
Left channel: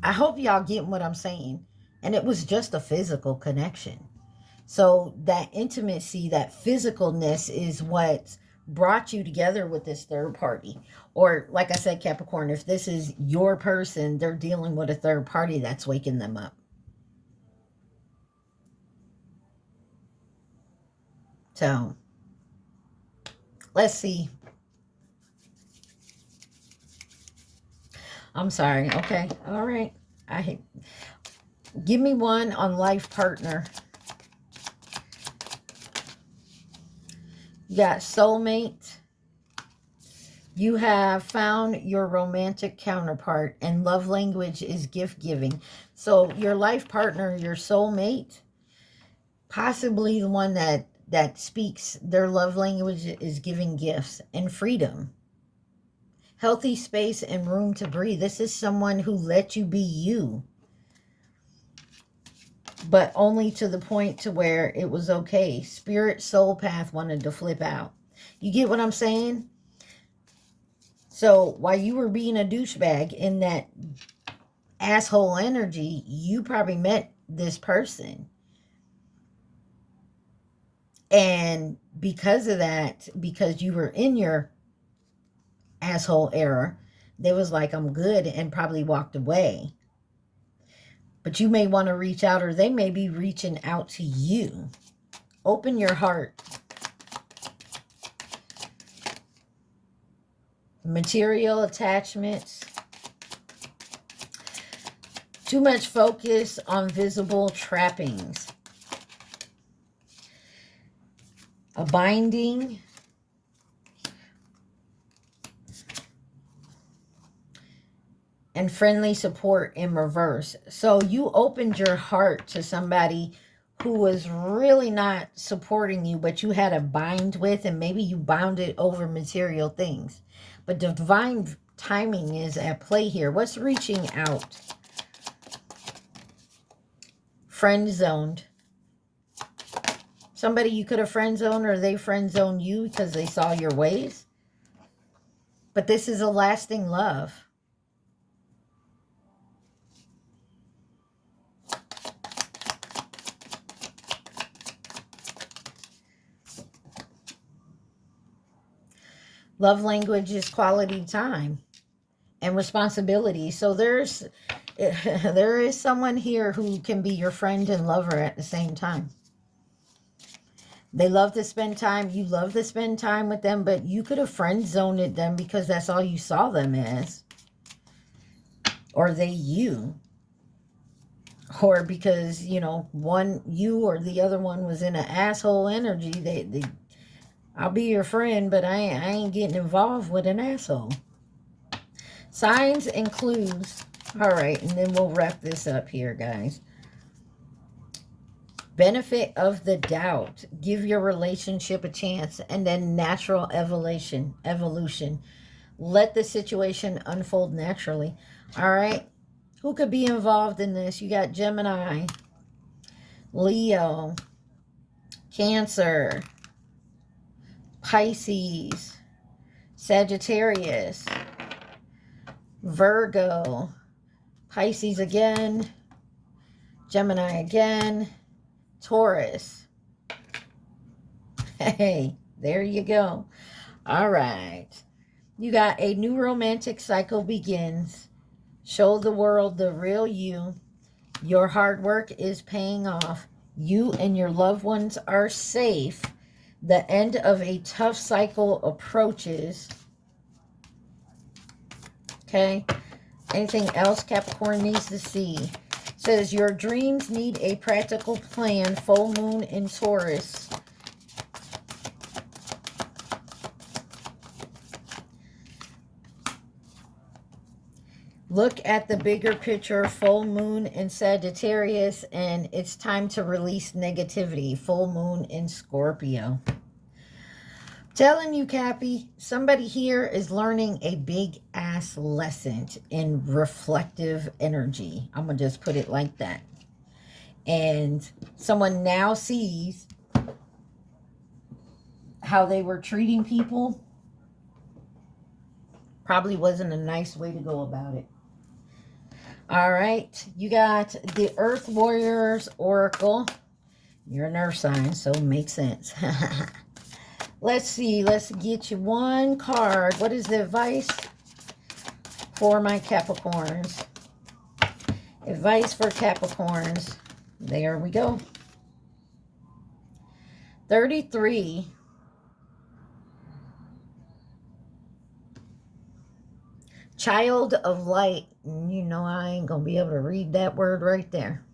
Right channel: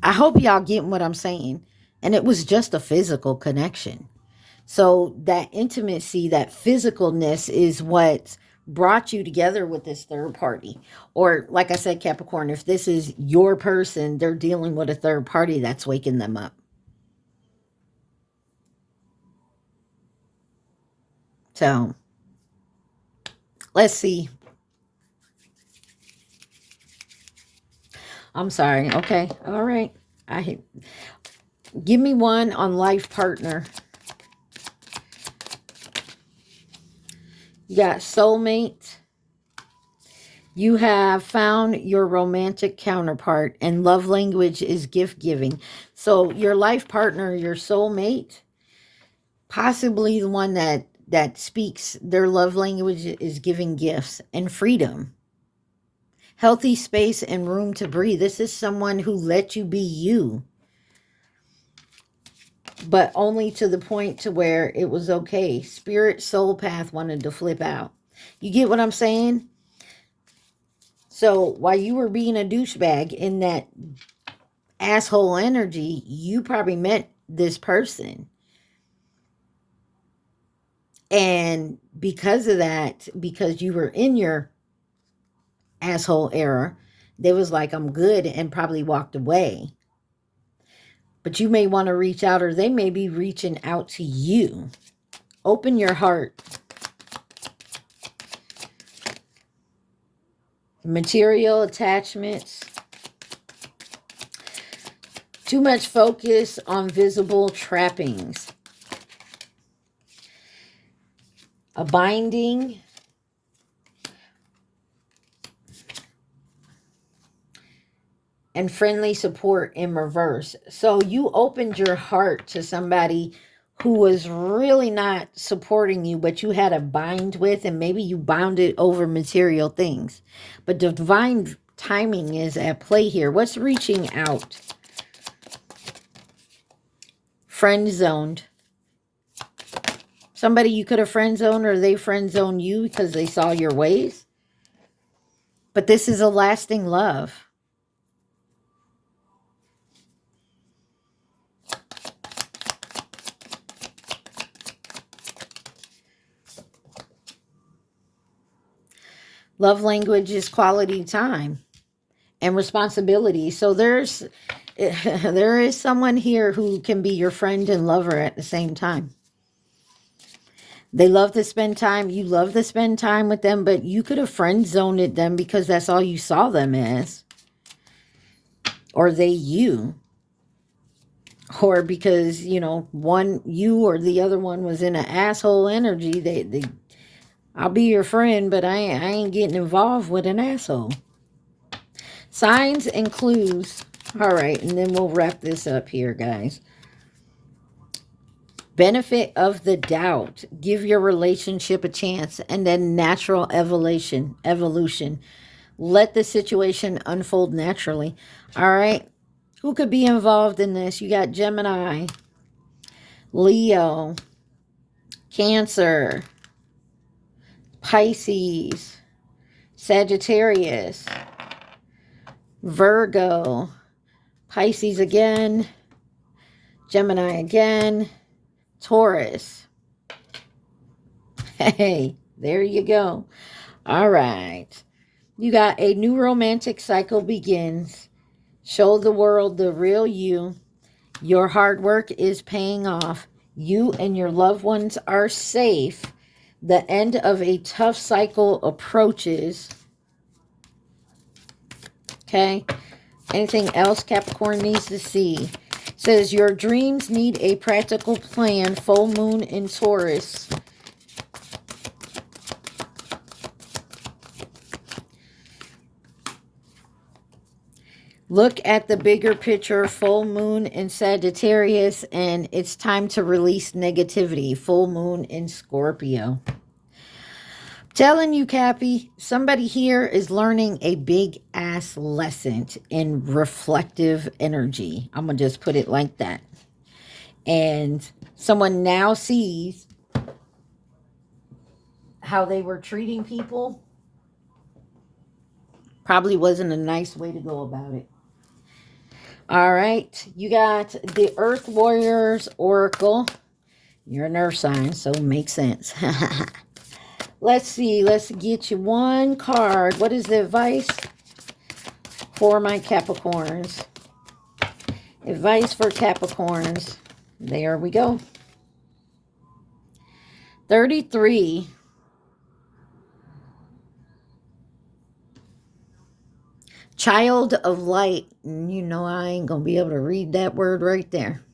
I hope y'all getting what I'm saying. And it was just a physical connection. So that intimacy, that physicalness is what brought you together with this third party. Or like I said, Capricorn, if this is your person, they're dealing with a third party that's waking them up. So, let's see. I'm sorry. Okay. All right. Give me one on life partner. You got soulmate. You have found your romantic counterpart, and love language is gift giving. So your life partner, your soulmate, possibly the one that speaks their love language is giving gifts and freedom. Healthy space and room to breathe. This is someone who let you be you, but only to the point to where it was okay. Spirit soul path wanted to flip out. You get what I'm saying? So while you were being a douchebag in that asshole energy, you probably met this person. And because of that, because you were in your asshole era, they was like, I'm good, and probably walked away. But you may want to reach out, or they may be reaching out to you. Open your heart. Material attachments. Too much focus on visible trappings. A binding. And friendly support in reverse. So you opened your heart to somebody who was really not supporting you, but you had a bind with, and maybe you bound it over material things. But divine timing is at play here. What's reaching out? Friend zoned. Somebody you could have friend zoned, or they friend zoned you because they saw your ways. But this is a lasting love. Love language is quality time and responsibility. So there is someone here who can be your friend and lover at the same time. They love to spend time. You love to spend time with them, but you could have friend zoned them because that's all you saw them as. Or they you. or because, you know, one, you or the other one was in an asshole energy. I'll be your friend, but I ain't getting involved with an asshole. Signs and clues. All right, and then we'll wrap this up here, guys. Benefit of the doubt. Give your relationship a chance. And then natural evolution. Let the situation unfold naturally. All right. Who could be involved in this? You got Gemini, Leo, Cancer, Pisces, Sagittarius, Virgo, Pisces again, Gemini again, Taurus. Hey, there you go. All right. You got a new romantic cycle begins. Show the world the real you. Your hard work is paying off. You and your loved ones are safe. The end of a tough cycle approaches. Okay. Anything else Capricorn needs to see? Says your dreams need a practical plan. Full moon in Taurus. Look at the bigger picture. Full moon in Sagittarius, and it's time to release negativity. Full moon in Scorpio. Telling you, Cappy, somebody here is learning a big ass lesson in reflective energy. I'm going to just put it like that. And someone now sees how they were treating people. Probably wasn't a nice way to go about it. All right. You got the Earth Warriors Oracle. You're an earth sign, so it makes sense. Let's see. Let's get you one card. What is the advice for my Capricorns? Advice for Capricorns. There we go. 33. Child of light. And you know I ain't going to be able to read that word right there.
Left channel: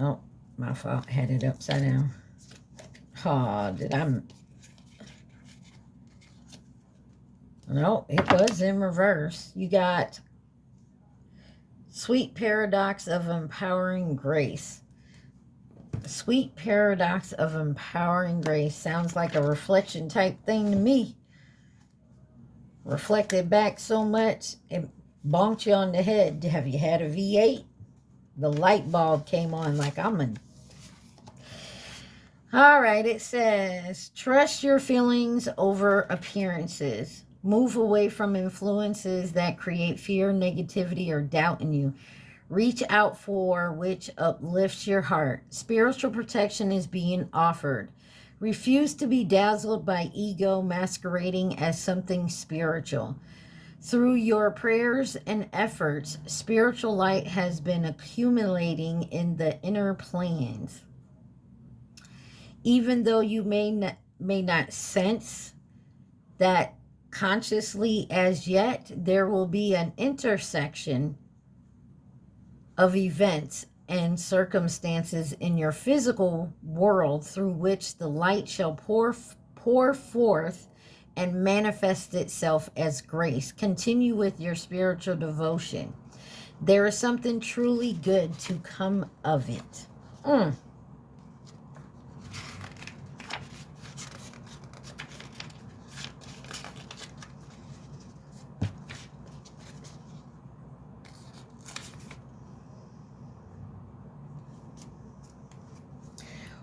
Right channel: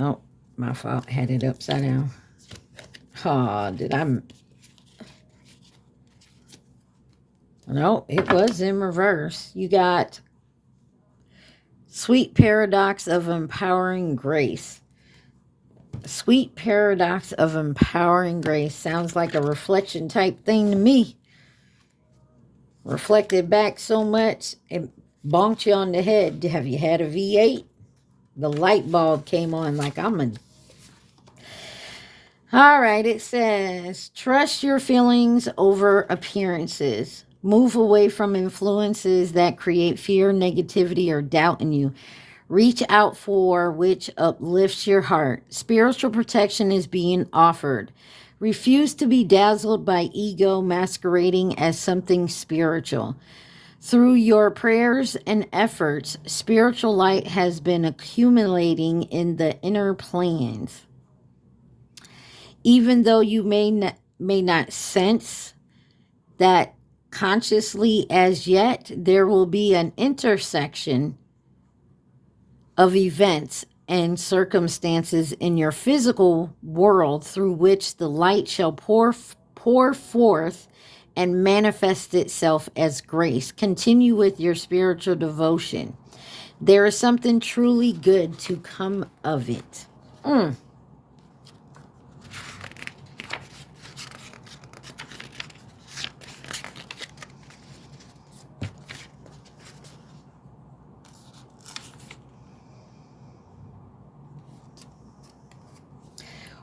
Oh, my fault. Had it upside down. Oh, did I... No, it was in reverse. You got sweet paradox of empowering grace. Sweet paradox of empowering grace. Sounds like a reflection type thing to me. Reflected back so much, it bonked you on the head. Have you had a V8? The light bulb came on like I'm a... All right, it says, trust your feelings over appearances. Move away from influences that create fear, negativity, or doubt in you. Reach out for which uplifts your heart. Spiritual protection is being offered. Refuse to be dazzled by ego masquerading as something spiritual. Through your prayers and efforts, spiritual light has been accumulating in the inner planes. Even though you may not sense that consciously as yet, there will be an intersection of events and circumstances in your physical world through which the light shall pour forth and manifest itself as grace. Continue with your spiritual devotion. There is something truly good to come of it.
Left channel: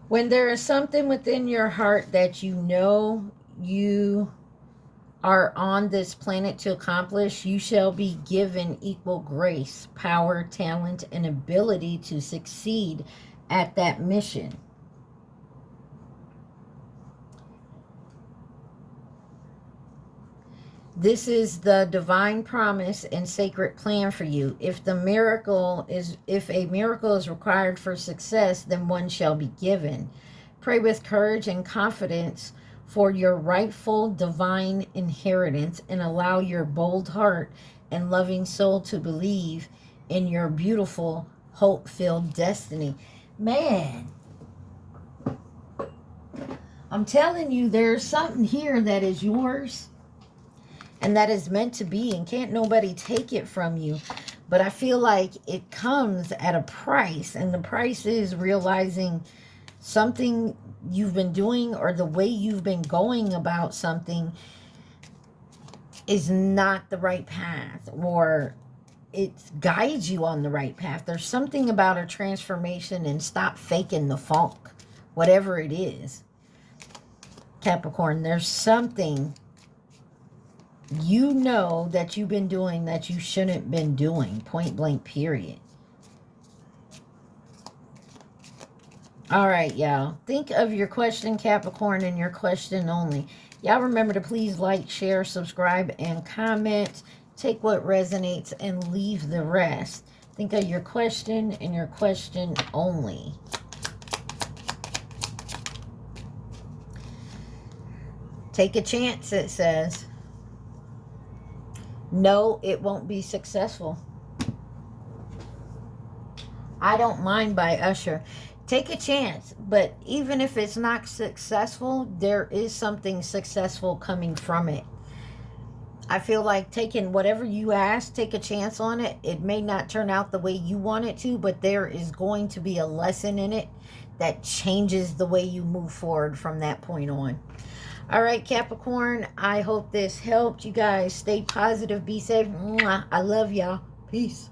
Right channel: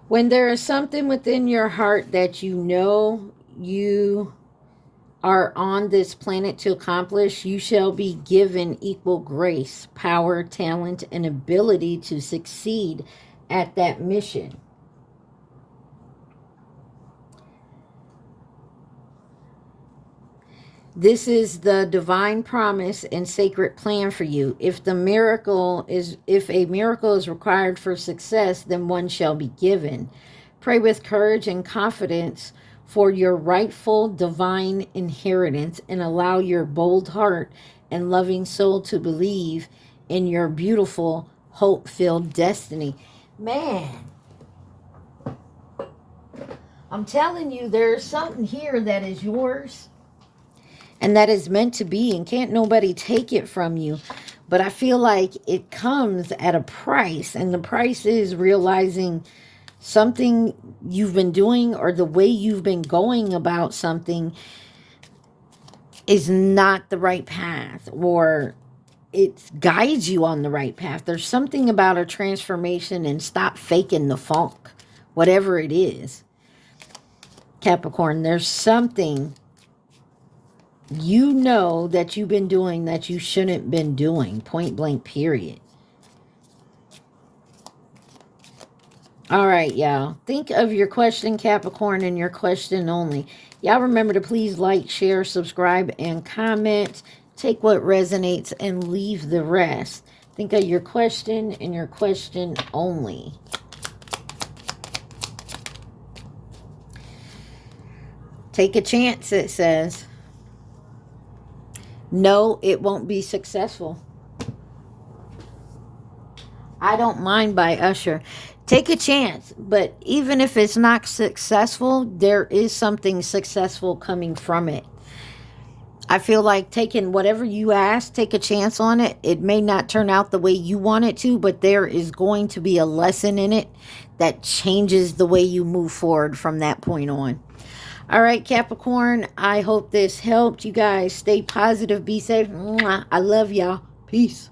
When there is something within your heart that you know you are on this planet to accomplish, you shall be given equal grace, power, talent, and ability to succeed at that mission. This is the divine promise and sacred plan for you. If a miracle is required for success, then one shall be given. Pray with courage and confidence for your rightful divine inheritance and allow your bold heart and loving soul to believe in your beautiful, hope-filled destiny. Man, I'm telling you, there's something here that is yours and that is meant to be, and can't nobody take it from you. But I feel like it comes at a price, and the price is realizing something you've been doing or the way you've been going about something is not the right path, or it guides you on the right path. There's something about a transformation, and stop faking the funk, whatever it is. Capricorn, there's something you know that you've been doing that you shouldn't been doing. Point blank, period. All right, y'all. Think of your question, Capricorn, and your question only. Y'all remember to please like, share, subscribe, and comment. Take what resonates and leave the rest. Think of your question and your question only. Take a chance, it says. No, it won't be successful. I Don't Mind by Usher. Take a chance, but even if it's not successful, there is something successful coming from it. I feel like taking whatever you ask, take a chance on it. It may not turn out the way you want it to, but there is going to be a lesson in it that changes the way you move forward from that point on. All right, Capricorn, I hope this helped. You guys stay positive, be safe. Mwah. I love y'all. Peace.